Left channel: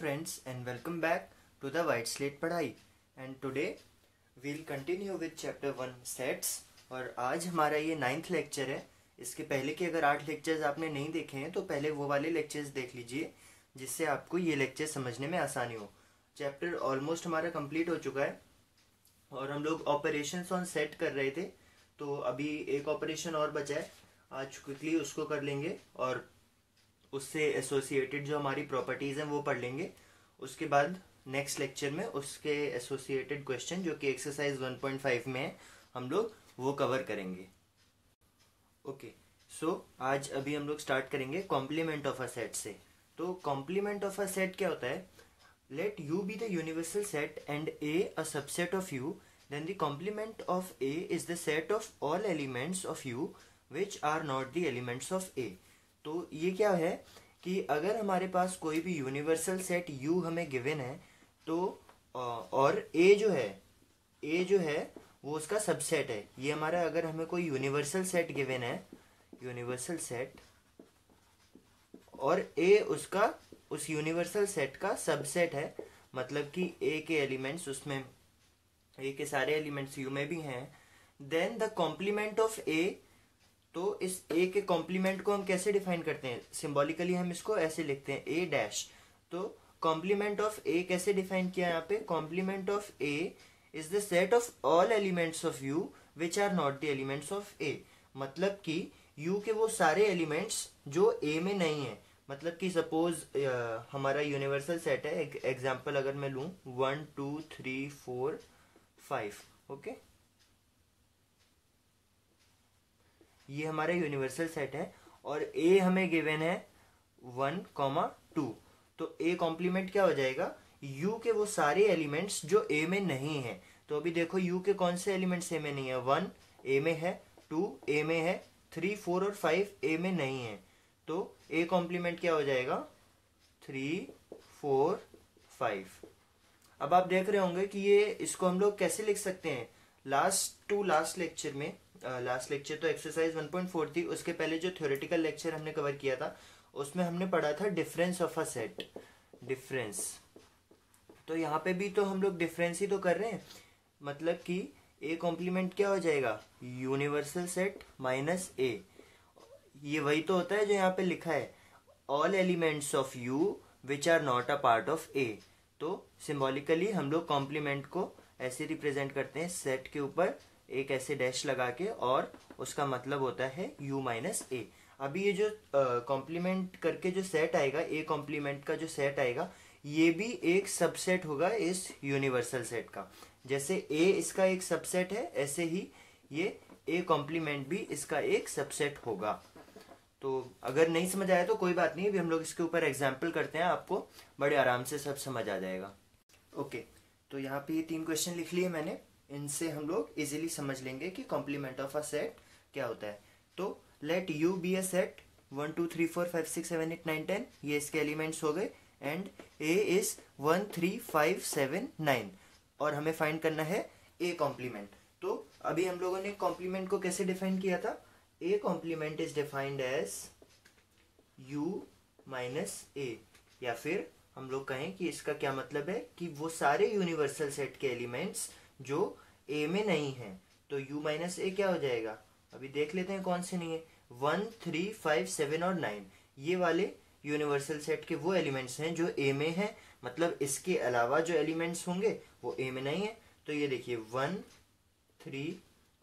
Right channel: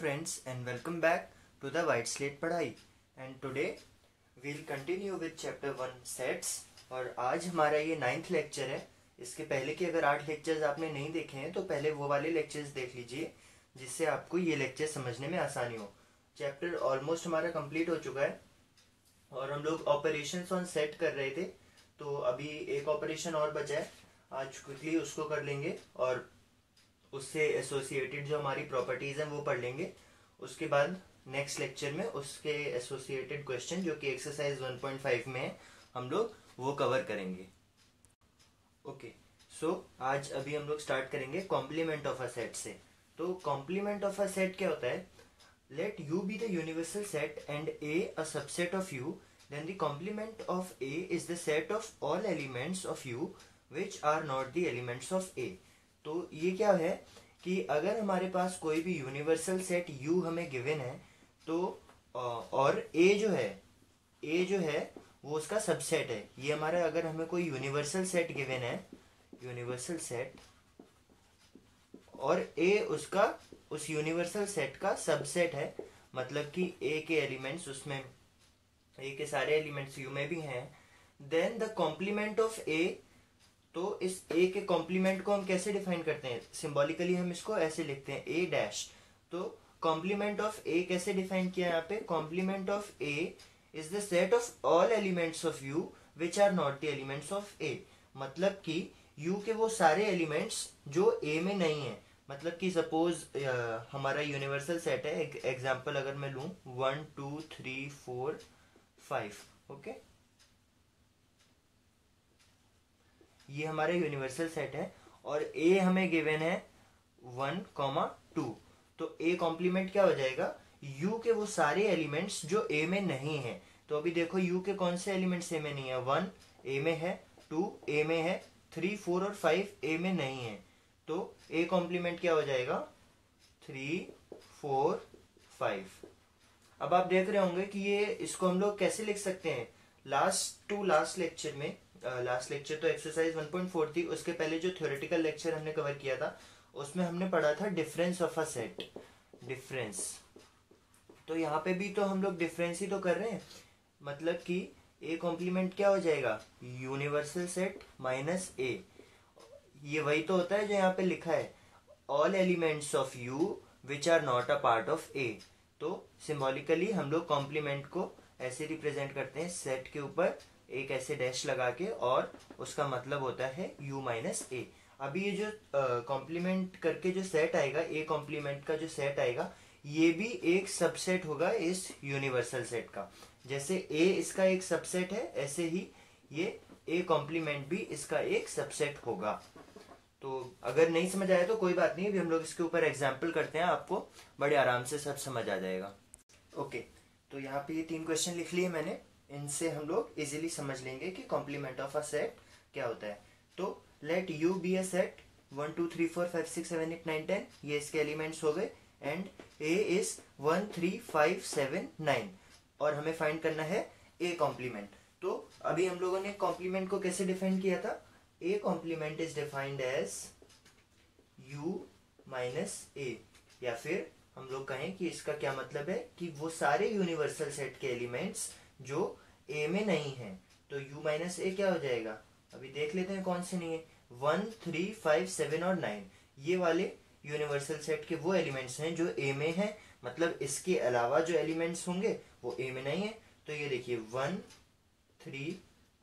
friends and welcome back to the White Slate पढ़ाई and today we'll continue with chapter 1 sets और आज हमारा ये 9th लेक्चर है। इसके पहले के अगर 8 लेक्चर्स आपने नहीं देखे हैं तो पहले वो वाले लेक्चर्स देख लीजिए जिससे आपको ये लेक्चर समझने में आसानी हो। चैप्टर ऑलमोस्ट हमारा कंप्लीट हो चुका है और हम लोग ऑपरेशंस ऑन सेट कर रहे थे, तो अभी एक ऑपरेशन और बचा है, आज क्विकली उसको कर लेंगे और उससे एसोसिएटेड जो हमारी प्रॉपर्टीज हैं वो पढ़ लेंगे। उसके बाद नेक्स्ट लेक्चर में उसके एसोसिएटेड क्वेश्चन जो कि एक्सरसाइज 1.5 में है हम लोग वो कवर करेंगे। ओके, सो आज अभी हम लोग स्टार्ट करेंगे कॉम्प्लीमेंट ऑफ अ सेट से। तो कॉम्प्लीमेंट ऑफ अ सेट क्या होता है? Let you be the universal set and A a subset of U, then the complement of A is the set of all elements of U which are not the elements of A. तो ये क्या है कि अगर हमारे पास कोई भी universal set U हमें गिवन है तो और A जो है वो उसका सबसेट है। ये हमारा अगर हमें कोई यूनिवर्सल सेट गिवन है, यूनिवर्सल सेट, और A उसका उस यूनिवर्सल सेट का सबसेट है, मतलब कि A के एलिमेंट्स उसमें A के सारे एलिमेंट्स U में भी हैं, then the complement of A। तो इस A के कॉम्प्लीमेंट को हम कैसे डिफाइन करते हैं? सिंबॉलिकली हम इसको ऐसे लिखते हैं A डैश। तो कॉम्प्लीमेंट ऑफ A कैसे डिफाइन किया है यहाँ पे? Complement of A is the set of all elements of U which are not the elements of A। मतलब कि U के वो सारे एलिमेंट्स जो A में नहीं है, मतलब कि सपोज हमारा यूनिवर्सल सेट है, एग्जाम्पल अगर मैं लूं 1 2 3 4 5, ओके, ये हमारा यूनिवर्सल सेट है और A हमें गिवन है 1, 2। तो A कॉम्प्लीमेंट क्या हो जाएगा? U के वो सारे एलिमेंट्स जो A में नहीं है। तो अभी देखो U के कौन से एलिमेंट्स A में नहीं है? 1 A में है, 2 A में है, 3 4 और 5 A में नहीं है। तो A कॉम्प्लीमेंट क्या हो जाएगा? 3 4 5। अब आप देख रहे होंगे कि ये इसको हम लोग कैसे लिख सकते हैं? लास्ट लेक्चर में, लास्ट लेक्चर तो एक्सरसाइज 1.4 थी, उसके पहले जो थ्योरेटिकल लेक्चर हमने कवर किया था उसमें हमने पढ़ा था difference of a set, difference. तो यहाँ पे भी तो हम लोग डिफरेंस ही तो कर रहे हैं, मतलब कि ए कॉम्प्लीमेंट क्या हो जाएगा? यूनिवर्सल सेट माइनस ए। ये वही तो होता है जो यहाँ पे लिखा है, all elements of U which are not a part of A. तो सिंबॉलिकली हम लोग कॉम्प्लीमेंट को ऐसे रिप्रेजेंट करते हैं, सेट के ऊपर एक ऐसे डैश लगा के, और उसका मतलब होता है u माइनस ए। अभी ये जो कॉम्प्लीमेंट करके जो सेट आएगा, ए कॉम्प्लीमेंट का जो सेट आएगा, ये भी एक सबसेट होगा इस यूनिवर्सल सेट का। जैसे ए इसका एक सबसेट है, ऐसे ही ये ए कॉम्प्लीमेंट भी इसका एक सबसेट होगा। तो अगर नहीं समझ आया तो कोई बात नहीं, अभी हम लोग इसके ऊपर एग्जाम्पल करते हैं, आपको बड़े आराम से सब समझ आ जाएगा। ओके, तो यहाँ पे ये 3 क्वेश्चन लिख लिए मैंने, इनसे हम लोग इजीली समझ लेंगे कि कॉम्प्लीमेंट ऑफ अ सेट क्या होता है। तो let you be a set 1 2 3 4 5 6 7 8 9 10, ये इसके एलिमेंट्स हो गए, एंड ए इज 1 3 5 7 9 और हमें फाइंड करना है ए कॉम्प्लीमेंट। तो अभी हम लोगों ने कॉम्प्लीमेंट को कैसे डिफाइन किया था? A complement is defined as u minus A, या फिर हम लोग कहें कि इसका क्या मतलब है कि वो सारे यूनिवर्सल सेट के एलिमेंट्स जो A में नहीं है। तो u माइनस ए क्या हो जाएगा? अभी देख लेते हैं कौन से नहीं है। 1 3 5 7 और 9 ये वाले यूनिवर्सल सेट के वो एलिमेंट्स हैं जो A में है, मतलब इसके अलावा जो एलिमेंट्स होंगे वो A में नहीं है। तो ये देखिए 1 3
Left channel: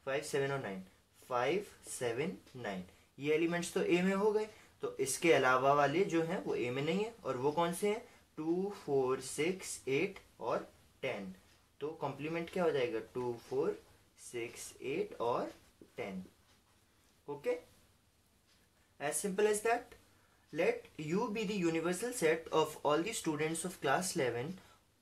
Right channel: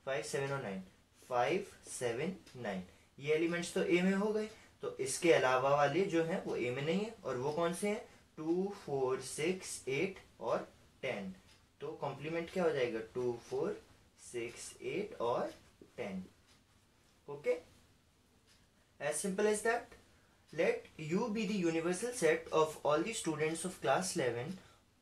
5 7 और 9, 5 7 9 ये एलिमेंट्स तो A में हो गए। तो इसके अलावा वाले जो हैं वो A में नहीं है, और वो कौन से हैं? 2 4 6 8 और 10। तो कॉम्प्लीमेंट क्या हो जाएगा? 2 4 6 8 और 10। Okay, as simple as that. Let you be the universal set of all the students of class 11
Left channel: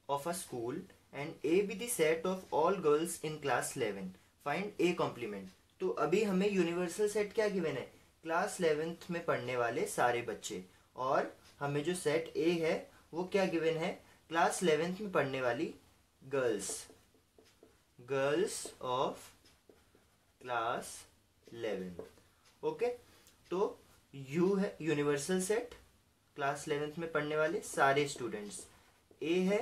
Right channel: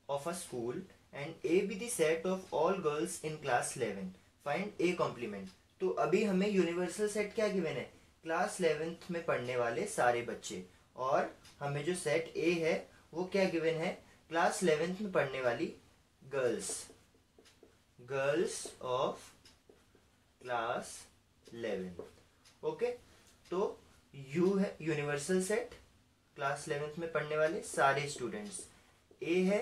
of a school and A B the set of all girls in class 11, find A complement. तो अभी हमें universal set क्या given है? Class 11th में पढ़ने वाले सारे बच्चे, और हमें जो सेट ए है वो क्या गिवन है? क्लास 11th में पढ़ने वाली girls, girls of class 11। Okay, तो यू है यूनिवर्सल सेट, क्लास 11th में पढ़ने वाले सारे स्टूडेंट्स, ए है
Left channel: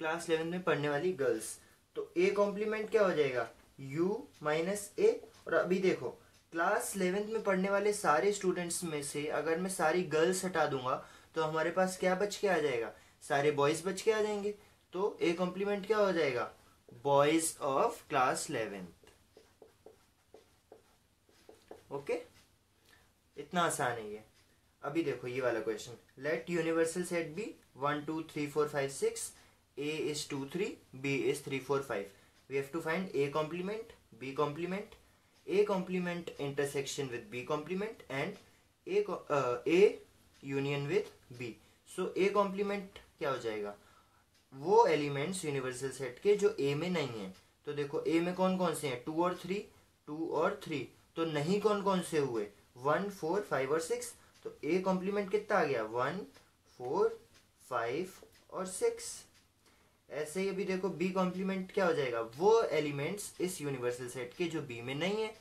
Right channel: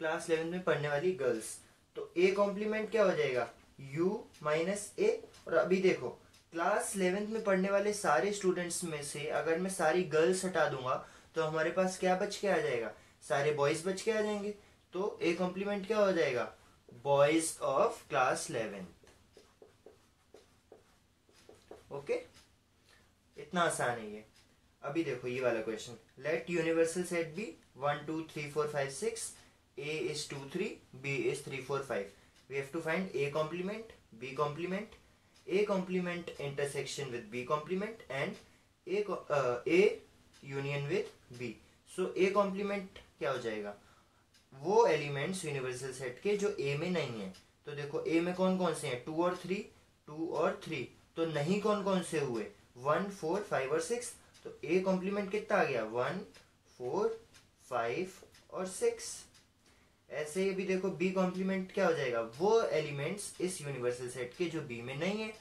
क्लास 11 में पढ़ने वाली गर्ल्स, तो ए कॉम्प्लीमेंट क्या हो जाएगा, यू माइनस ए। और अभी देखो क्लास 11 में पढ़ने वाले सारे स्टूडेंट्स में से अगर मैं सारी गर्ल्स हटा दूंगा तो हमारे पास क्या बच के आ जाएगा, सारे बॉयज बच के आ जाएंगे। तो ए कॉम्प्लीमेंट क्या हो जाएगा, बॉयज ऑफ क्लास 11। ओके, इतना आसान है ये। अभी देखो ये वाला question, let universal set be 1 2 3 4 5 6, A is 2 3, B is 3 4 5. We have to find A complement, B complement, A complement intersection with B complement and A union with B. So A complement क्या हो जाएगा, वो elements universal set के जो A में नहीं है। तो देखो A में कौन कौन से हैं, 2 और 3, 2 और 3। तो नहीं कौन कौन से हुए, 1 4 5 और 6। तो A कॉम्प्लीमेंट कितना आ गया, 1 4 5 और 6। ऐसे ही अभी देखो बी कॉम्प्लीमेंट क्या हो जाएगा, वो एलिमेंट्स इस यूनिवर्सल सेट के जो बी में नहीं है।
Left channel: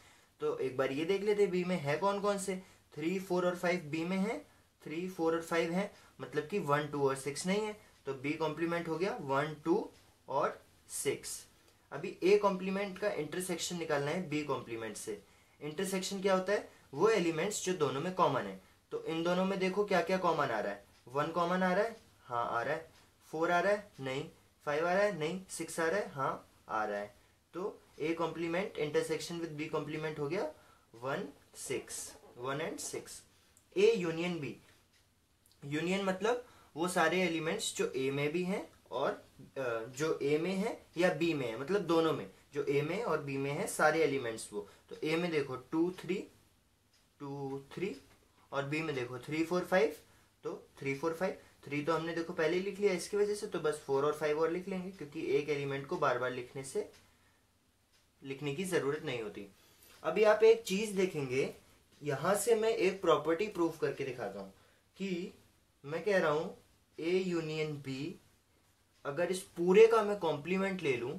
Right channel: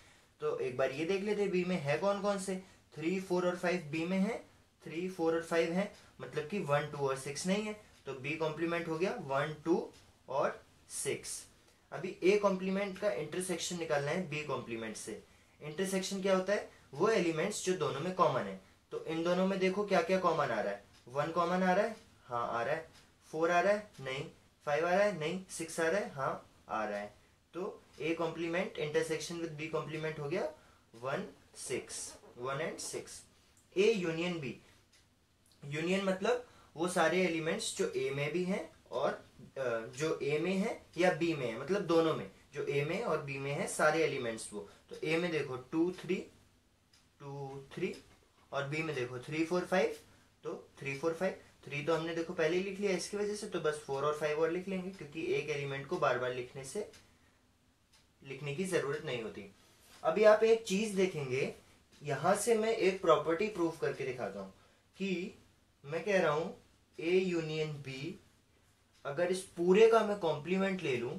तो एक बार ये देख लेते बी में है कौन कौन से, 3 4 और 5 बी में है, 3 4 और 5 है, मतलब कि 1 2 और 6 नहीं है। तो बी कॉम्प्लीमेंट हो गया 1 2 और 6। अभी ए कॉम्प्लीमेंट का इंटरसेक्शन निकालना है बी कॉम्प्लीमेंट से। इंटरसेक्शन क्या होता है, वो एलिमेंट्स जो दोनों में कॉमन है। तो इन दोनों में देखो क्या क्या कॉमन आ रहा है, 1 कॉमन आ रहा है, हाँ आ रहा है, 4 आ रहा है, नहीं, 5 आ रहा है, नहीं, 6 आ रहा है, हाँ आ रहा है। तो A complement intersection with B complement हो गया 1 6, 1 and 6। A union B, union मतलब वो सारे एलिमेंट्स जो ए में भी हैं और जो ए में है या बी में है, मतलब दोनों में, जो ए में और बी में है सारे एलिमेंट्स वो। तो ए में देखो 2 3 और बी में देखो 3 4 5, तो 3 4 5। 3 तो हमने देखो पहले ही लिख लिया इसकी वजह से, तो बस 4 और 5 और लिख लेंगे, क्योंकि एक एलिमेंट को बार बार लिखने की जरूरत नहीं होती। अभी आप एक चीज देखेंगे, यहां से मैं एक प्रॉपर्टी प्रूफ करके दिखाता हूं कि मैं कह रहा हूं ए यूनियन बी, अगर इस पूरे का मैं कॉम्प्लीमेंट ले लूं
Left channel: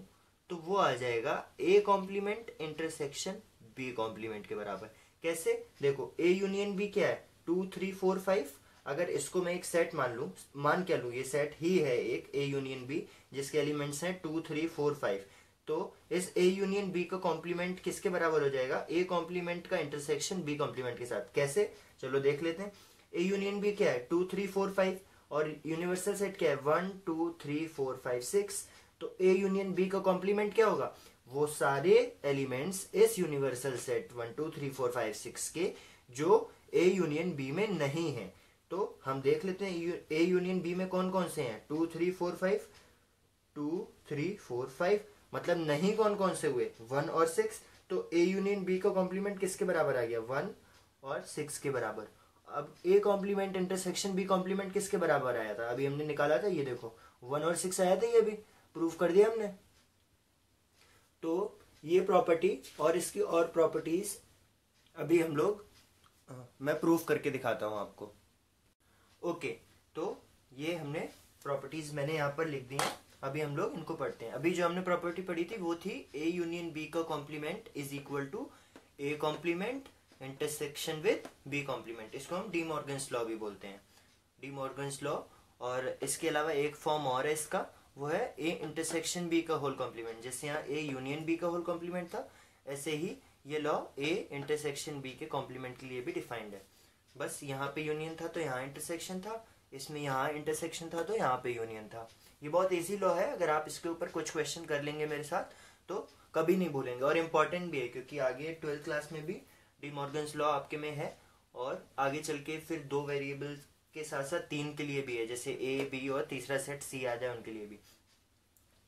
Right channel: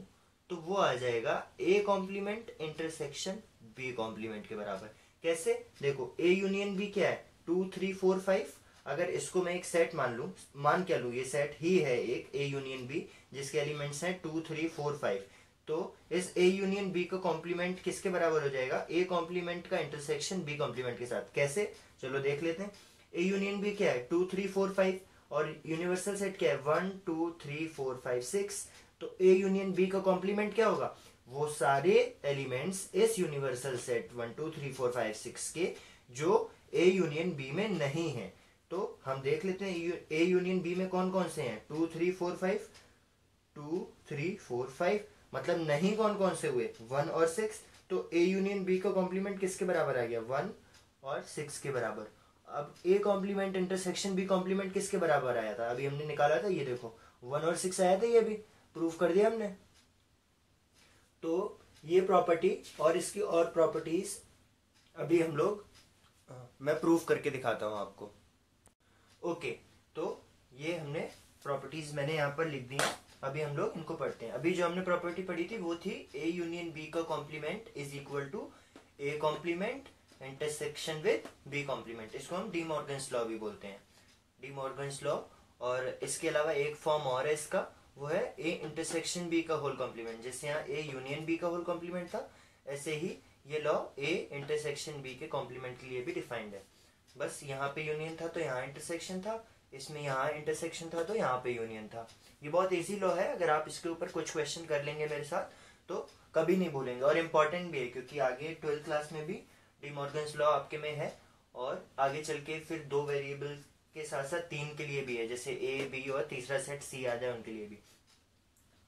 तो वो आ जाएगा A complement intersection B complement के बराबर। कैसे, देखो ए यूनियन बी क्या है, 2 3 4 5। अगर इसको मैं एक सेट मान क्या लूं, ये सेट ही है एक ए यूनियन बी जिसके एलिमेंट्स हैं 2 3 4 5। तो इस ए यूनियन बी का कॉम्प्लीमेंट किसके बराबर हो जाएगा, ए कॉम्प्लीमेंट का इंटरसेक्शन बी कॉम्प्लीमेंट के साथ। कैसे, चलो देख लेते हैं। ए यूनियन बी क्या है, 2 3 4 5 और यूनिवर्सल सेट क्या है, 1 2 3 4 5 6। तो ए यूनियन बी का कॉम्प्लीमेंट क्या होगा, वो सारे एलिमेंट्स इस यूनिवर्सल सेट 1 2 3 4 5 6 के जो ए यूनियन बी में नहीं है। तो हम देख लेते हैं ए यूनियन बी में कौन कौन से हैं, 2 3 4 5, 2 3 4 5, मतलब नहीं कौन कौन से हुए, 1 और 6। तो ए यूनियन बी का कॉम्प्लीमेंट किसके बराबर आ गया, 1 और 6 के बराबर। अब A complement intersection B complement किसके बराबर आया था, अभी हमने निकाला था, ये देखो 1 और 6 आया था, ये भी प्रूफ कर दिया हमने। तो ये प्रॉपर्टी और इसकी और प्रॉपर्टीज अभी हम लोग मैं प्रूफ करके दिखाता हूं आपको। ओके, तो ये हमने प्रॉपर्टीज मैंने यहाँ पर लिख दी है, अभी हम लोग इनको पढ़ते हैं। अभी जो हमने प्रॉपर्टी पढ़ी थी वो थी ए यूनियन बी का complement is equal to A complement intersection with B complement. इसको हम डी मॉर्गन्स लॉ भी बोलते हैं, डी मॉर्गन्स लॉ। और इसके अलावा एक फॉर्म और है इसका, वो है ए इंटरसेक्शन बी का होल कॉम्प्लीमेंट। जैसे यहाँ ए यूनियन बी का होल कॉम्प्लीमेंट था, ऐसे ही ये लॉ ए इंटरसेक्शन बी के कॉम्प्लीमेंट के लिए भी डिफाइंड है। बस यहाँ पे यूनियन था तो यहाँ इंटरसेक्शन था, इसमें यहाँ इंटरसेक्शन था तो यहाँ पे यूनियन था। ये बहुत इजी लॉ है, अगर आप इसके ऊपर कुछ क्वेश्चन कर लेंगे मेरे साथ तो कभी नहीं भूलेंगे, और इम्पोर्टेंट भी है क्योंकि आगे 12th क्लास में भी डी मॉर्गन्स लॉ आपके में है, और आगे चल के फिर 2 वेरिएबल के साथ साथ 3 के लिए भी है, जैसे ए बी और तीसरा सेट सी आ जाए उनके लिए भी।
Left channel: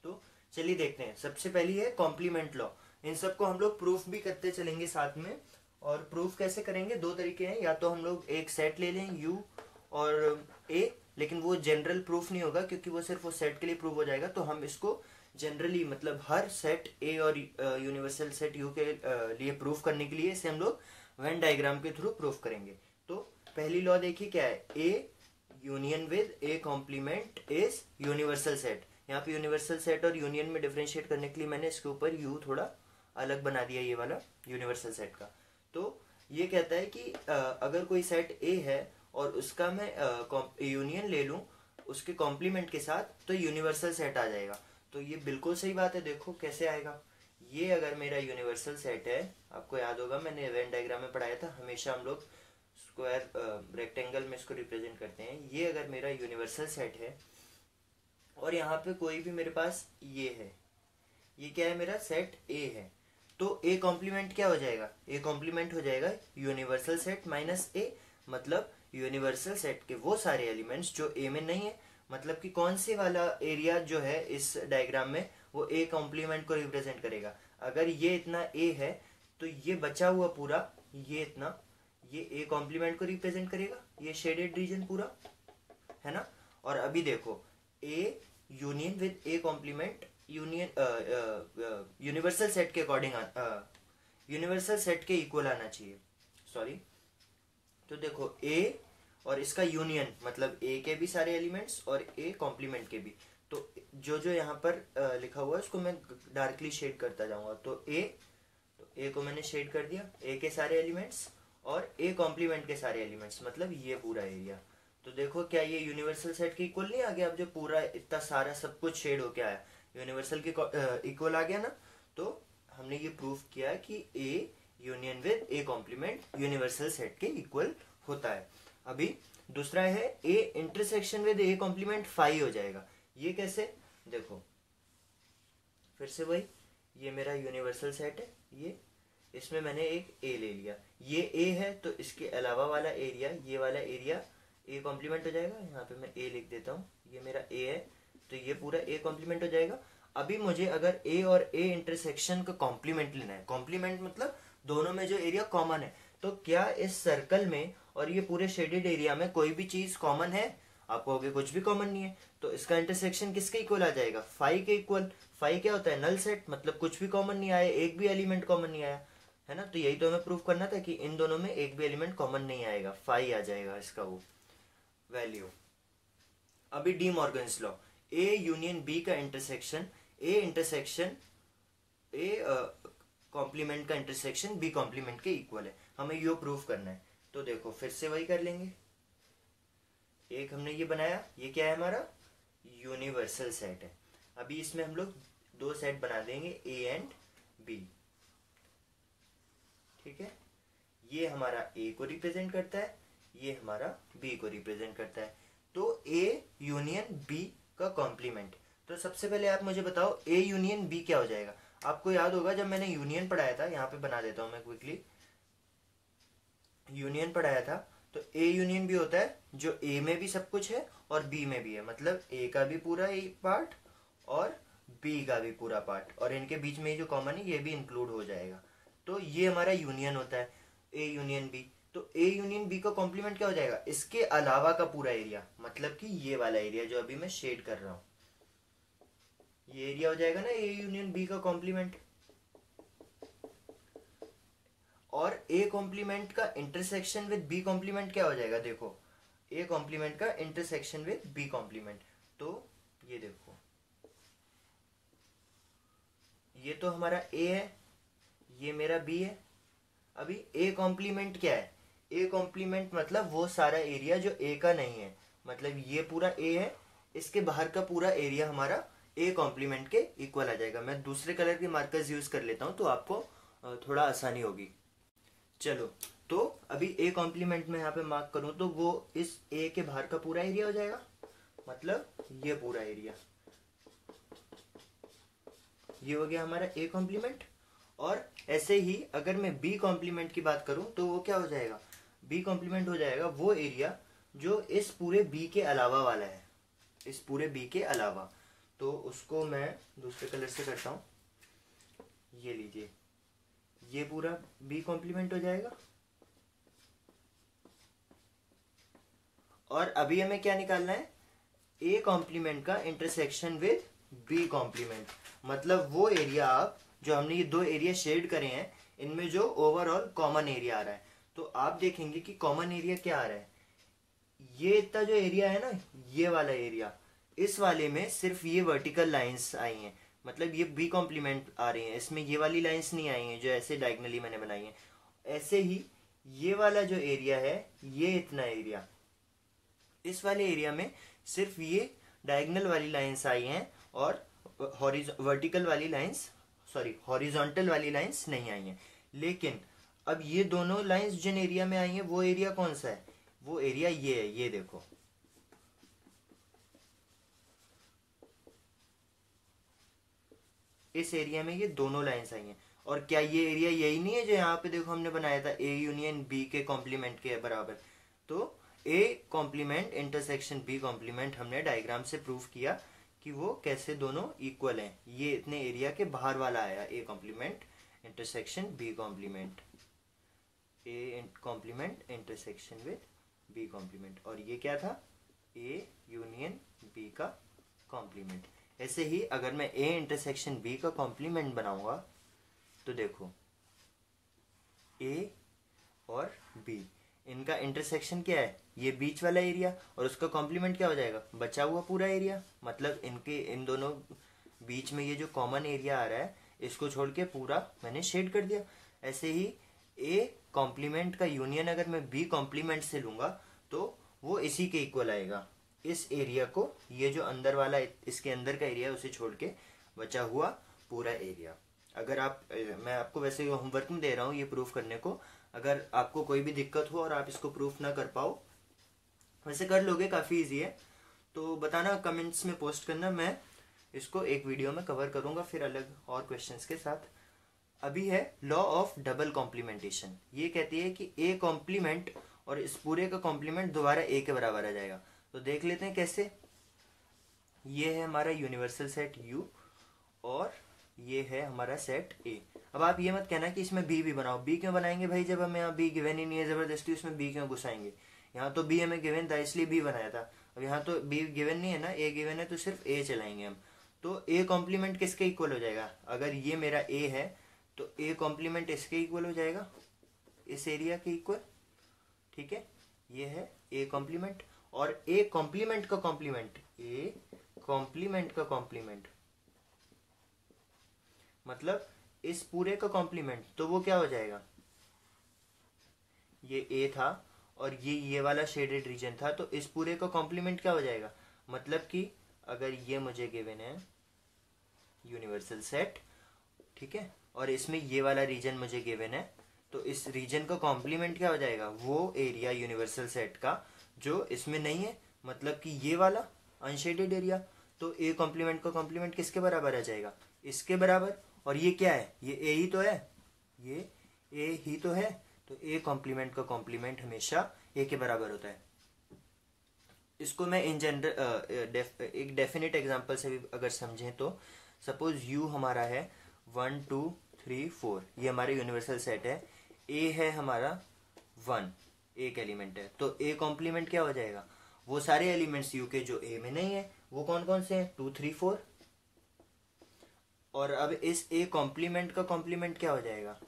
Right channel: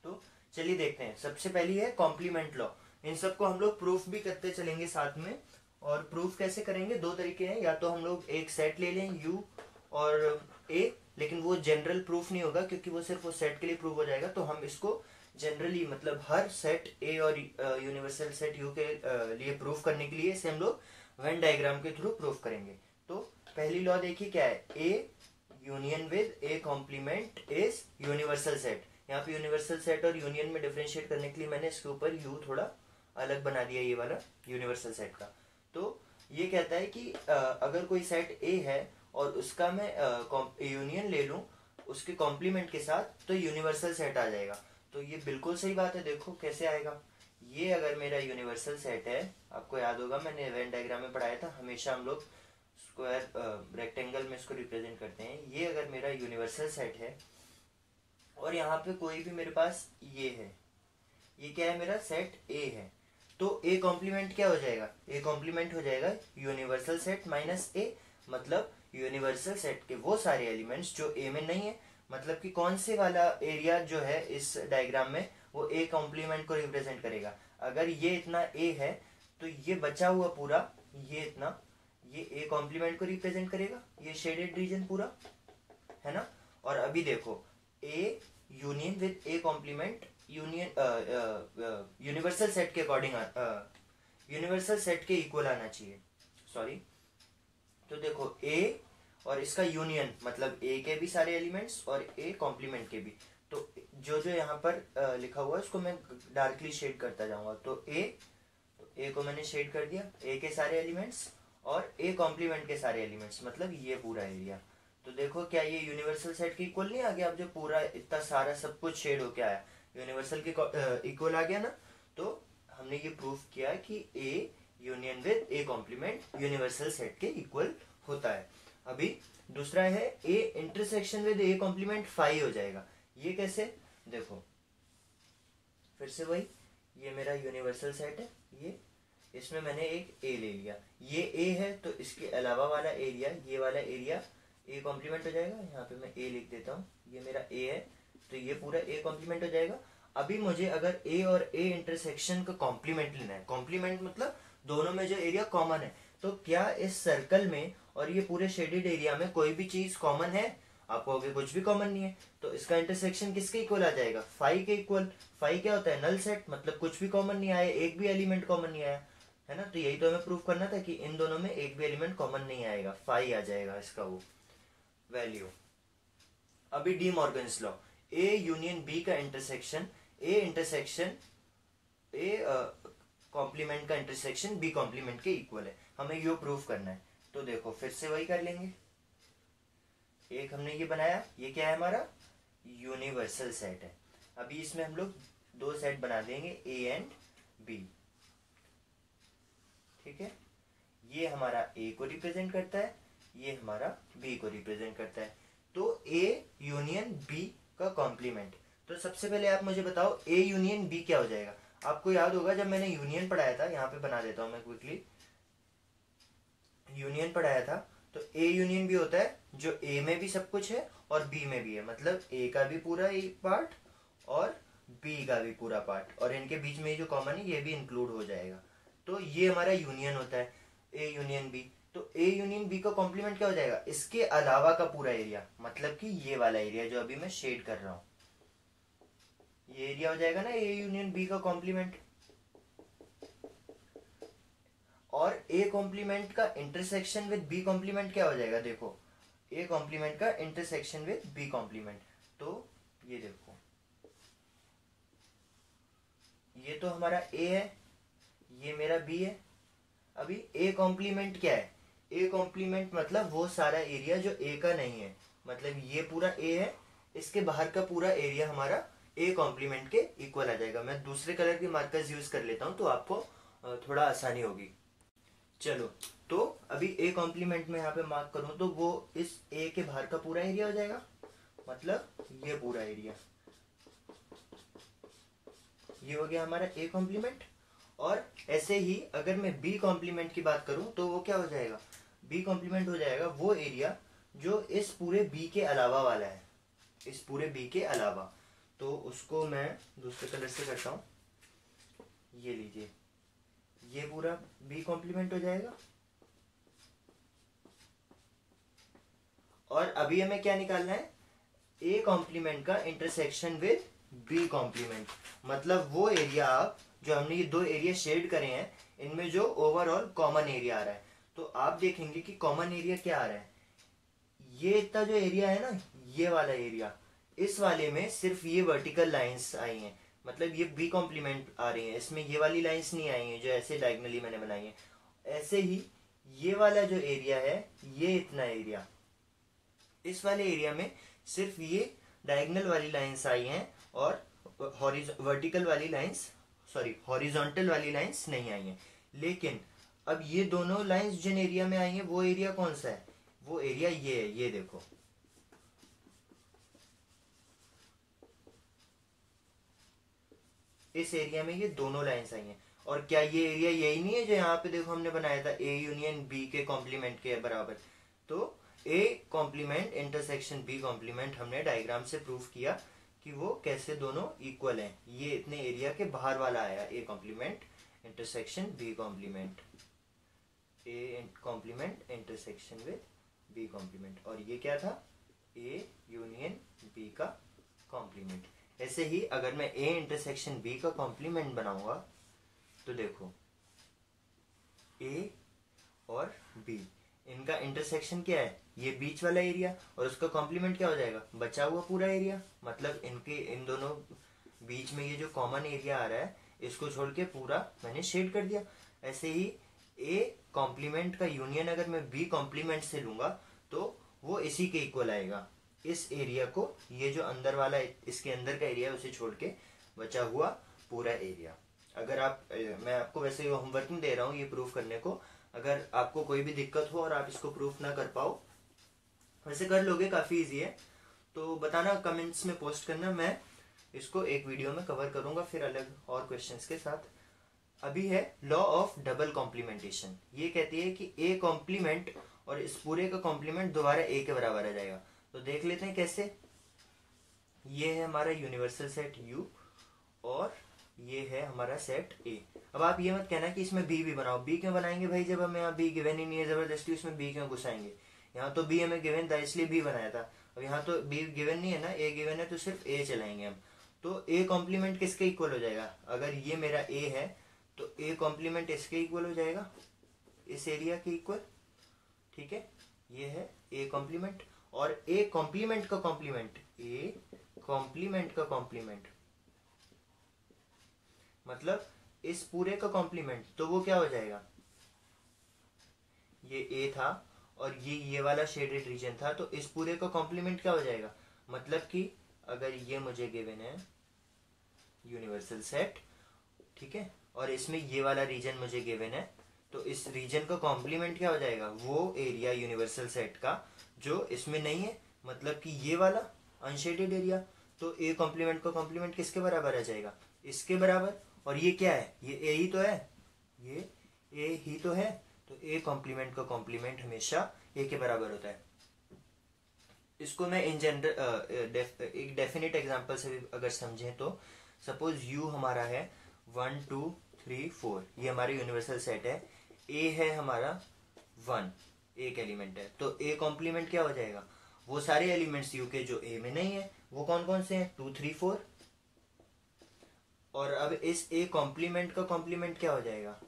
तो चलिए देखते हैं। सबसे पहली है कॉम्प्लीमेंट लॉ। इन सबको हम लोग प्रूफ भी करते चलेंगे साथ में। और प्रूफ कैसे करेंगे, 2 तरीके हैं, या तो हम लोग एक सेट ले लें यू और ए, लेकिन वो जनरल प्रूफ नहीं होगा क्योंकि वो सिर्फ वो सेट के लिए प्रूफ हो जाएगा। तो हम इसको जनरली मतलब हर सेट ए और यूनिवर्सल सेट यू के लिए प्रूफ करने के लिए इसे हम लोग वेन डायग्राम के थ्रू प्रूफ करेंगे। तो पहली लॉ देखिए क्या है, A union with A complement is universal set. यहाँ पे यूनिवर्सल सेट और यूनियन में डिफरेंशिएट करने के लिए मैंने इसके ऊपर यू थोड़ा अलग बना दिया, ये वाला यूनिवर्सल सेट का। तो ये कहता है कि अगर कोई सेट ए है और उसका मैं यूनियन ले लूं उसके कॉम्प्लीमेंट के साथ, तो यूनिवर्सल सेट आ जाएगा। तो ये बिल्कुल सही बात है। देखो कैसे आएगा, ये अगर मेरा यूनिवर्सल सेट है, आपको याद होगा मैंने वेन डायग्राम में पढ़ाया था, हमेशा हम लोग स्क्वायर रेक्टेंगल में इसको रिप्रेजेंट करते हैं। ये अगर मेरा यूनिवर्सल सेट है और यहाँ पे कोई भी मेरे पास ये है, ये क्या है, मेरा सेट ए है, तो ए कॉम्प्लीमेंट क्या हो जाएगा, ए कॉम्प्लीमेंट हो जाएगा यूनिवर्सल सेट माइनस ए, मतलब यूनिवर्सल सेट के वो सारे एलिमेंट्स जो ए में नहीं है, मतलब कि कौन से वाला एरिया जो है इस डायग्राम में वो ए कॉम्प्लीमेंट को रिप्रेजेंट करेगा। अगर ये इतना ए है तो ये बचा हुआ पूरा ये इतना, ये ए कॉम्प्लीमेंट को रिप्रेजेंट करेगा, ये शेडेड रीजन पूरा है ना। और अभी देखो A union with A complement union universal set के अकॉर्डिंग यूनिवर्सल सेट के इक्वल आना चाहिए, सॉरी। तो देखो ए और इसका यूनियन मतलब ए के भी सारे एलिमेंट्स और ए कॉम्प्लीमेंट के भी, तो जो जो यहाँ पर लिखा हुआ है उसको मैं डार्कली शेड करता जाऊंगा। तो ए को मैंने शेड कर दिया, ए के सारे एलिमेंट्स और ए कॉम्प्लीमेंट के सारे एलिमेंट्स, मतलब ये पूरा एरिया। तो देखो क्या ये यूनिवर्सल सेट के इक्वल नहीं आ गया, अब जो पूरा इतना सारा सब कुछ शेड होके आया यूनिवर्सल के इक्वल आ गया ना। तो हमने ये प्रूफ किया कि A union with A complement universal set के इक्वल होता है। अभी दूसरा है A intersection with A complement phi हो जाएगा। ये कैसे, देखो फिर से वही, ये मेरा यूनिवर्सल सेट है, ये इसमें मैंने एक ए ले लिया, ये ए है तो इसके अलावा वाला एरिया, ये वाला एरिया ए कॉम्प्लीमेंट हो जाएगा। यहाँ पे मैं ए लिख देता हूँ, ये मेरा ए है तो ये पूरा ए कॉम्प्लीमेंट हो जाएगा। अभी मुझे अगर ए और ए इंटरसेक्शन का कॉम्प्लीमेंट लेना है, कॉम्प्लीमेंट मतलब दोनों में जो एरिया कॉमन है, तो क्या इस सर्कल में और ये पूरे शेडेड एरिया में कोई भी चीज कॉमन है? आप कहोगे कुछ भी कॉमन नहीं है, तो इसका इंटरसेक्शन किसके इक्वल आ जाएगा, फाई के इक्वल। फाई क्या होता है, नल सेट, मतलब कुछ भी कॉमन नहीं आया, एक भी एलिमेंट कॉमन नहीं आया, है ना। तो यही तो हमें प्रूव करना था कि इन दोनों में एक भी एलिमेंट कॉमन नहीं आएगा, फाई आ जाएगा इसका वो वैल्यू। अभी De Morgan's law, A union B का इंटरसेक्शन ए कॉम्प्लीमेंट का इंटरसेक्शन बी कॉम्प्लीमेंट के इक्वल है, हमें ये प्रूव करना है। तो देखो फिर से वही कर लेंगे, एक हमने ये बनाया, ये क्या है हमारा यूनिवर्सल सेट है। अभी इसमें हम लोग दो सेट बना देंगे ए एंड बी, ठीक है। ये हमारा ए को रिप्रेजेंट करता है, ये हमारा बी को रिप्रेजेंट करता है। तो ए यूनियन बी का कॉम्प्लीमेंट, तो सबसे पहले आप मुझे बताओ ए यूनियन बी क्या हो जाएगा। आपको याद होगा जब मैंने यूनियन पढ़ाया था, यहाँ पे बना देता हूं मैं क्विकली, यूनियन पढ़ाया था, तो ए यूनियन बी होता है जो ए में भी सब कुछ है और बी में भी है, मतलब ए का भी पूरा एक पार्ट और बी का भी पूरा पार्ट, और इनके बीच में जो कॉमन है ये भी इंक्लूड हो जाएगा। तो ये हमारा यूनियन होता है ए यूनियन बी। तो ए यूनियन बी का कॉम्प्लीमेंट क्या हो जाएगा, इसके अलावा का पूरा एरिया, मतलब कि ये वाला एरिया जो अभी मैं शेड कर रहा हूं, ये एरिया हो जाएगा ना ए यूनियन बी का कॉम्प्लीमेंट। और ए कॉम्प्लीमेंट का इंटरसेक्शन विद बी कॉम्प्लीमेंट क्या हो जाएगा, देखो ए कॉम्प्लीमेंट का इंटरसेक्शन विद बी कॉम्प्लीमेंट, तो ये देखो ये तो हमारा ए है, ये मेरा बी है। अभी ए कॉम्प्लीमेंट क्या है, ए कॉम्प्लीमेंट मतलब वो सारा एरिया जो ए का नहीं है, मतलब ये पूरा ए है, इसके बाहर का पूरा एरिया हमारा ए कॉम्प्लीमेंट के इक्वल आ जाएगा। मैं दूसरे कलर के मार्कर्स यूज कर लेता हूं तो आपको थोड़ा आसानी होगी। चलो, तो अभी ए कॉम्प्लीमेंट में यहाँ पे मार्क करूं तो वो इस ए के बाहर का पूरा एरिया हो जाएगा, मतलब ये पूरा एरिया, ये हो गया हमारा ए कॉम्प्लीमेंट। और ऐसे ही अगर मैं बी कॉम्प्लीमेंट की बात करूं तो वो क्या हो जाएगा, बी कॉम्प्लीमेंट हो जाएगा वो एरिया जो इस पूरे बी के अलावा वाला है, इस पूरे बी के अलावा। तो उसको मैं दूसरे कलर से करता हूं, ये लीजिए, ये पूरा बी कॉम्प्लीमेंट हो जाएगा। और अभी हमें क्या निकालना है, ए कॉम्प्लीमेंट का इंटरसेक्शन विद बी कॉम्प्लीमेंट, मतलब वो एरिया आप जो हमने ये दो एरिया शेड करे हैं इनमें जो ओवरऑल कॉमन एरिया आ रहा है। तो आप देखेंगे कि कॉमन एरिया क्या आ रहा है, ये इतना जो एरिया है ना, ये वाला एरिया, इस वाले में सिर्फ ये वर्टिकल लाइंस आई हैं, मतलब ये बी कॉम्प्लीमेंट आ रही है, इसमें ये वाली लाइंस नहीं आई हैं जो ऐसे डायगनली मैंने बनाई है। ऐसे ही ये वाला जो एरिया है, ये इतना एरिया, इस वाले एरिया में सिर्फ ये डायगोनल वाली लाइंस आई हैं और वर्टिकल वाली लाइंस हॉरिजॉन्टल वाली लाइंस नहीं आई हैं। लेकिन अब ये दोनों लाइंस जिन एरिया में आई हैं वो एरिया कौन सा है? वो एरिया ये है, ये देखो, इस एरिया में ये दोनों लाइंस आई हैं। और क्या ये एरिया यही नहीं है जो यहाँ पे देखो हमने बनाया था ए यूनियन बी के कॉम्प्लीमेंट के बराबर? तो A complement intersection B complement हमने डायग्राम से प्रूव किया कि वो कैसे दोनों इक्वल हैं। ये इतने एरिया के बाहर वाला आया A complement intersection B complement, A complement intersection with B complement, और ये क्या था? ए यूनियन बी का कॉम्प्लीमेंट। ऐसे ही अगर मैं ए इंटरसेक्शन बी का कॉम्प्लीमेंट बनाऊंगा तो देखो ए और बी इनका इंटरसेक्शन क्या है? ये बीच वाला एरिया, और उसका कॉम्प्लीमेंट क्या हो जाएगा? बचा हुआ पूरा एरिया। मतलब इन दोनों बीच में ये जो कॉमन एरिया आ रहा है इसको छोड़ के पूरा मैंने शेड कर दिया। ऐसे ही ए कॉम्प्लीमेंट का यूनियन अगर मैं बी कॉम्प्लीमेंट से लूंगा तो वो इसी के इक्वल आएगा। इस एरिया को, ये जो अंदर वाला इसके अंदर का एरिया उसे छोड़ के बचा हुआ पूरा एरिया। अगर मैं आपको वैसे होमवर्क नहीं दे रहा हूँ ये प्रूफ करने को, अगर आपको कोई भी दिक्कत हो और आप इसको प्रूफ ना कर पाओ, वैसे कर लोगे, काफी इजी है, तो बताना, कमेंट्स में पोस्ट करना, मैं इसको एक वीडियो में कवर करूंगा फिर अलग और क्वेश्चंस के साथ। अभी है लॉ ऑफ डबल कॉम्प्लीमेंटेशन। ये कहती है कि ए कॉम्प्लीमेंट और इस पूरे का कॉम्प्लीमेंट दोबारा ए के बराबर आ जाएगा। तो देख लेते हैं कैसे। ये है हमारा यूनिवर्सल सेट यू और ये है हमारा सेट ए। अब आप ये मत कहना कि इसमें बी भी बनाओ। बी क्यों बनाएंगे भाई, जब हमें यहाँ बी गिवन ही नहीं है, जबरदस्ती उसमें बी क्यों घुसाएंगे? यहाँ तो बी हमें गिवन था इसलिए बी बनाया था। अब यहाँ तो बी गिवन नहीं है ना, ए गिवन है, तो सिर्फ ए चलाएंगे हम। तो ए कॉम्प्लीमेंट किसके इक्वल हो जाएगा? अगर ये मेरा ए है तो ए कॉम्प्लीमेंट इसके इक्वल हो जाएगा, इस एरिया के इक्वल। ठीक है, ये है ए कॉम्प्लीमेंट। और ए कॉम्प्लीमेंट का कॉम्प्लीमेंट, ए कॉम्प्लीमेंट का कॉम्प्लीमेंट मतलब इस पूरे का कॉम्प्लीमेंट, तो वो क्या हो जाएगा? ये ए था और ये वाला शेडेड रीजन था, तो इस पूरे का कॉम्प्लीमेंट क्या हो जाएगा? मतलब कि अगर ये मुझे गिवन है यूनिवर्सल सेट, ठीक है, और इसमें ये वाला रीजन मुझे गिवन है, तो इस रीजन का कॉम्प्लीमेंट क्या हो जाएगा? वो एरिया यूनिवर्सल सेट का जो इसमें नहीं है, मतलब कि ये वाला अनशेडेड एरिया। तो ए कॉम्प्लीमेंट का कॉम्प्लीमेंट किसके बराबर आ जाएगा? इसके बराबर। और ये क्या है? ये ए ही तो है, ये ए ही तो है। तो ए कॉम्प्लीमेंट का कॉम्प्लीमेंट हमेशा ए के बराबर होता है। इसको मैं इन जनरल एक डेफिनेट एग्जांपल से भी अगर समझें तो, सपोज यू हमारा है 1 2 3 4, ये हमारा यूनिवर्सल सेट है। ए है हमारा 1, एक एलिमेंट है, तो ए कॉम्प्लीमेंट क्या हो जाएगा? वो सारे एलिमेंट्स यू के जो ए में नहीं है, वो कौन कौन से हैं? 2 3 4। और अब इस ए कॉम्प्लीमेंट का कॉम्प्लीमेंट क्या हो जाएगा?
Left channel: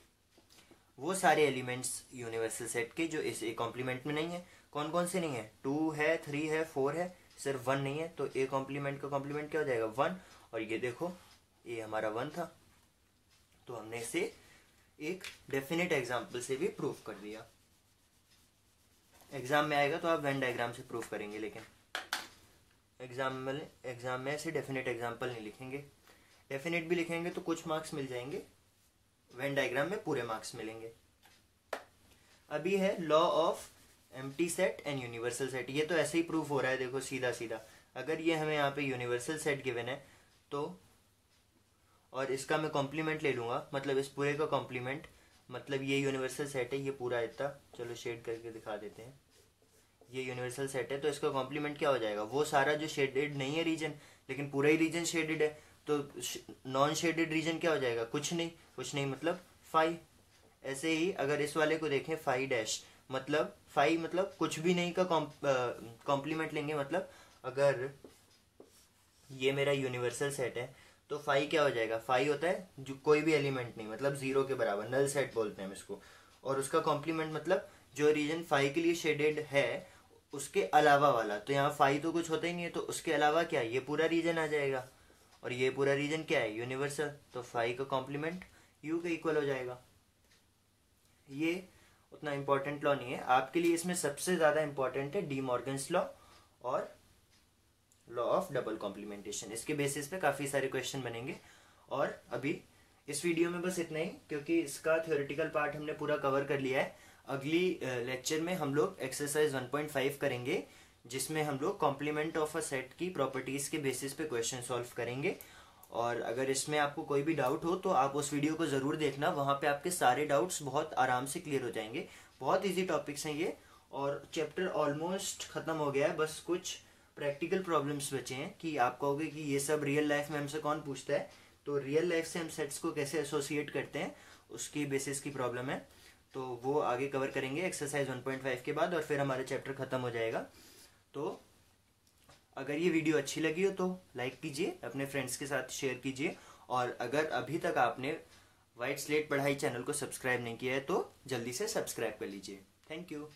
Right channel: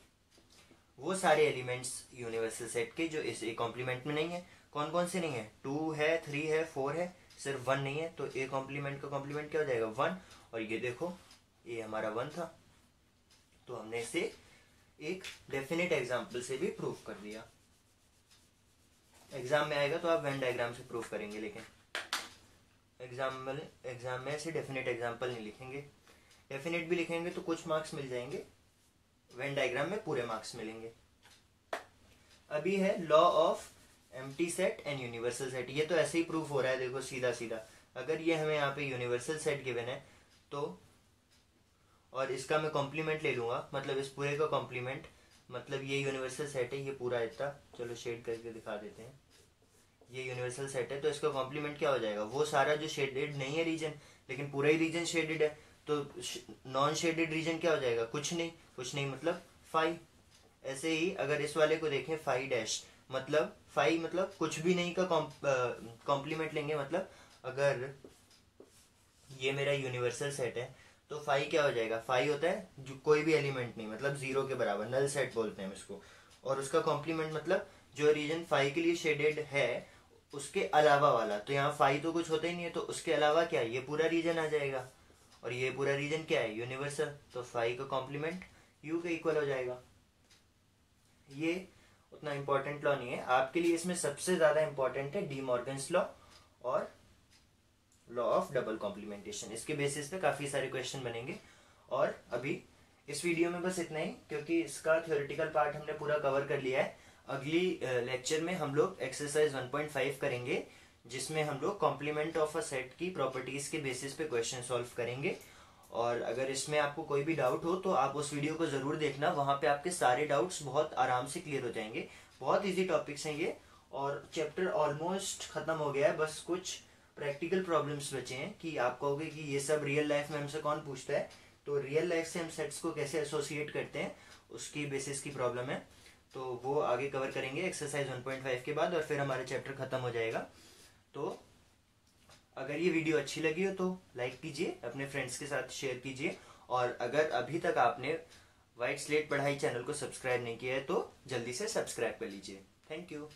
वो सारे एलिमेंट्स यूनिवर्सल सेट के जो इस ए कॉम्प्लीमेंट में नहीं है। कौन कौन से नहीं है? 2 है, 3 है, 4 है, सिर्फ 1 नहीं है। तो ए कॉम्प्लीमेंट का कॉम्प्लीमेंट क्या हो जाएगा? 1। और ये देखो ए हमारा 1 था, तो हमने इसे एक डेफिनेट एग्जाम्पल से भी प्रूफ कर दिया। एग्जाम में आएगा तो आप वेन डायग्राम से प्रूफ करेंगे, लेकिन एग्जाम में ऐसे डेफिनेट एग्जाम्पल नहीं लिखेंगे। डेफिनेट भी लिखेंगे तो कुछ मार्क्स मिल जाएंगे, वेन डायग्राम में पूरे मार्क्स मिलेंगे। अभी है law of empty set and universal set. ये तो ऐसे ही प्रूफ हो रहा है, देखो सीधा सीधा। अगर ये हमें यहाँ पे यूनिवर्सल सेट गिवन है तो, और इसका मैं कॉम्प्लीमेंट ले लूंगा, मतलब इस पूरे का कॉम्प्लीमेंट, मतलब ये यूनिवर्सल सेट है, ये पूरा इतना, चलो शेड करके दिखा देते हैं, ये यूनिवर्सल सेट है, तो इसका कॉम्प्लीमेंट क्या हो जाएगा? वो सारा जो शेडेड नहीं है रीजन, लेकिन पूरा ही रीजन शेडेड है, तो नॉन शेडेड रीजन क्या हो जाएगा? कुछ नहीं मतलब 5। ऐसे ही अगर इस वाले को देखें 5 मतलब 5 मतलब कुछ भी नहीं का कॉम्प्लीमेंट लेंगे। मतलब अगर ये मेरा यूनिवर्सल सेट है तो 5 क्या हो जाएगा? 5 होता है जो कोई भी एलिमेंट नहीं, मतलब 0 के बराबर, नल सेट बोलते हैं हम इसको। और उसका कॉम्प्लीमेंट मतलब जो रीजन 5 के लिए शेडेड है उसके अलावा वाला। तो यहाँ 5 तो कुछ होता ही नहीं है, तो उसके अलावा क्या है? ये पूरा रीजन आ जाएगा, और ये पूरा रीजन क्या है? यूनिवर्सल। तो 5 का कॉम्प्लीमेंट यू के इक्वल हो जाएगा। ये उतना इंपॉर्टेंट लॉ नहीं है आपके लिए, इसमें सबसे ज्यादा इंपॉर्टेंट है डी मॉर्गन्स लॉ और लॉ ऑफ डबल कॉम्प्लीमेंटेशन। इसके बेसिस पे काफी सारे क्वेश्चन बनेंगे। और अभी इस वीडियो में बस इतना ही, क्योंकि इसका थ्योरेटिकल पार्ट हमने पूरा कवर कर लिया है। अगली लेक्चर में हम लोग एक्सरसाइज 1.5 करेंगे, जिसमें हम लोग कॉम्प्लीमेंट ऑफ अ सेट की प्रॉपर्टीज के बेसिस पे क्वेश्चन सॉल्व करेंगे। और अगर इसमें आपको कोई भी डाउट हो तो आप उस वीडियो को जरूर देखना, वहां पे आपके सारे डाउट्स बहुत आराम से क्लियर हो जाएंगे। बहुत इजी टॉपिक्स हैं ये, और चैप्टर ऑलमोस्ट खत्म हो गया है। बस कुछ प्रैक्टिकल प्रॉब्लम्स बचे हैं कि आप कहोगे कि ये सब रियल लाइफ में हमसे कौन पूछता है, तो रियल लाइफ से हम सेट्स को कैसे एसोसिएट करते हैं उसकी बेसिस की प्रॉब्लम है, तो वो आगे कवर करेंगे एक्सरसाइज 1.5 के बाद, और फिर हमारा चैप्टर खत्म हो जाएगा। तो अगर ये वीडियो अच्छी लगी हो तो लाइक कीजिए, अपने फ्रेंड्स के साथ शेयर कीजिए, और अगर अभी तक आपने व्हाइट स्लेट पढ़ाई चैनल को सब्सक्राइब नहीं किया है तो जल्दी से सब्सक्राइब कर लीजिए। Thank you.